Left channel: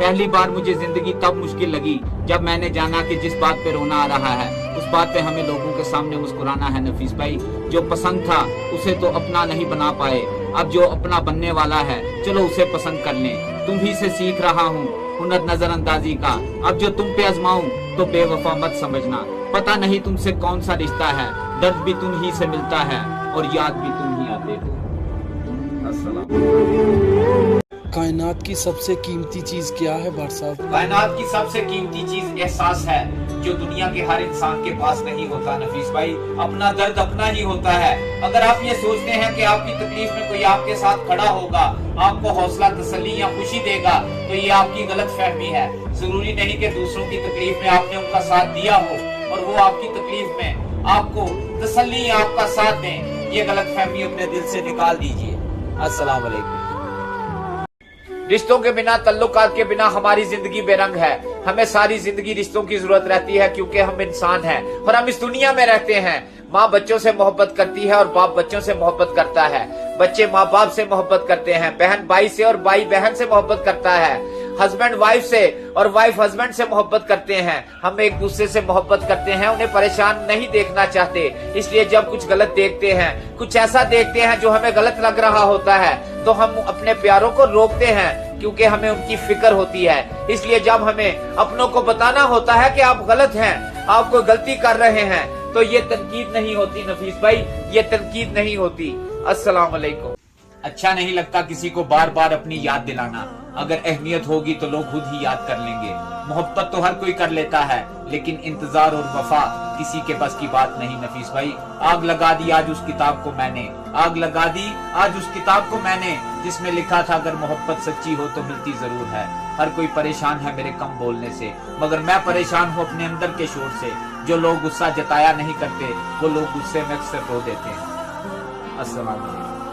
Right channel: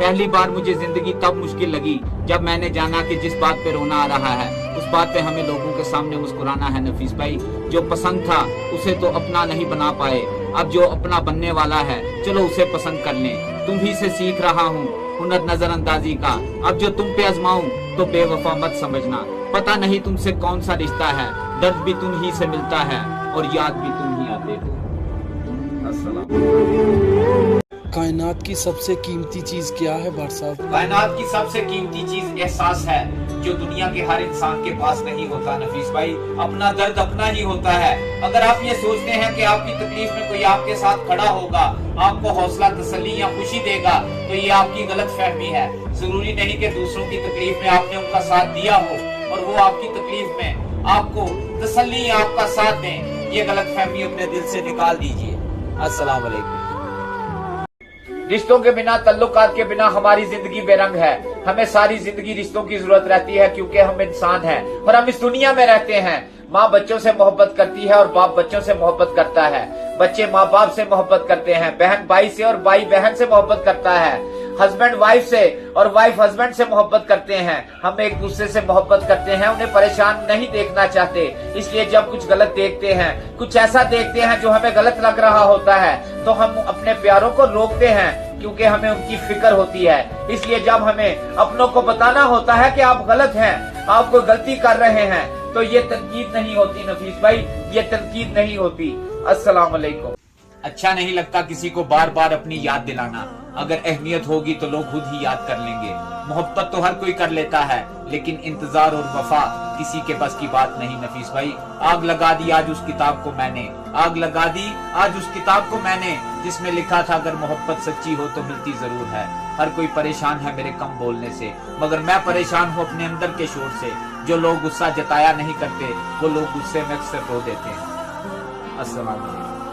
पहली बार मुझे जिंदगी तब मुश्किल लगी जब मैंने जाना कि जिस बात पे रोना आ रहा है उस बात पे हमें लोगों के सामने मुस्कुराना है। नफीस भाई, जो पसंद था उसे तो अपना नहीं बना पाए, अब जो अपना बनने वाला है चलो उसे पसंद कर लें। तुम ही से सीख रहा हूँ हुनर नजरअंदाजी का, अब जो तुम पे आजमाऊं तो बेवफा मत समझना। पता नहीं तुमसे कौन सा रिश्ता है, दर्द भी तुम ही से मिलता है और याद भी तुम ही आते हो। अस्सलाम। कायनात की सबसे कीमती चीज क्या है भाट साहब? कायनात की सबसे कीमती चीज एहसास है, जो दुनिया के हर इंसान के पास नहीं होता। नफीस भाई, अपना दर्द अपना ही होता है। अगर आप ये सोचते हैं कि आपकी तकलीफ में कोई आपके साथ खड़ा होगा, आपको हौसला, तसल्ली या खुशी देगा, तो ये आपकी गलत फहमी है। जरूरी नहीं कि दूसरों की तकलीफ में आपने उनका साथ दिया हो और वो आपकी तकलीफ में आपको तसल्ली या आपका साथ दें। ये गलत फहमी अपने दिल से निकाल दीजिए। अस्सलाम वालेकुम। रिश्तों के बिना, ताल्लुकात के बिना हमारी जिंदगी बेरंग है। हमें सारी जिंदगी रिश्तों की जरूरत रहती है, क्योंकि हम इंसान हैं और हम इस दुनिया में रहते हैं। माँ बच्चों से मोहब्बत करती है और बाप बच्चों से मोहब्बत करता है। बच्चे माँ बाप से मोहब्बत करते हैं, बहन भाई से और भाई बहन से मोहब्बत करता है, हस्बैंड वाइफ से और वाइफ हस्बैंड से मोहब्बत करते हैं। हम एक दूसरे से मोहब्बत करते हैं, उन्हें परेशान नहीं देखना चाहते। इसलिए जब कुछ गलत देखते हैं, कुछ ऐसा देखते हैं जो हमें गलत लग रहा होता है, तो हम अपने प्यारों को रोकते हैं, क्योंकि हमें उनकी फिक्र होती है। इसलिए जब हमें अपनों को बताना होता है कि आप गलत हैं, आप कोई गलती कर रहे हैं, तो ये तनकीद नहीं होती नफीस भाई, ये तनकीद नहीं होती। अस्सलाम वालेकुम। अच्छा नहीं लगता किसी को बार बार अपनी याद दिलाना। अगर अहमियत होगी तो लोग खुद ही याद कर लेंगे। मोहब्बत तो हर कोई कर लेता है, लेकिन इंतजार और वफा किसी के बस की बात नहीं। नफीस भाई, आग लगा दी आज उस किताब को मैंने, आग लगा दी आज उस किताब को मैंने, जिसमें लिखा था अगर मोहब्बत सच्ची हो तो मिलती जरूर है। हर कोई परेशान है मेरे कम बोलने से, मगर मैं परेशान हूँ अपने अंदर के शोर से। जो लोग गुस्सा जताया नहीं करते, वो लोग गुस्से में अक्सर रो देते हैं। अस्सलाम वालेकुम।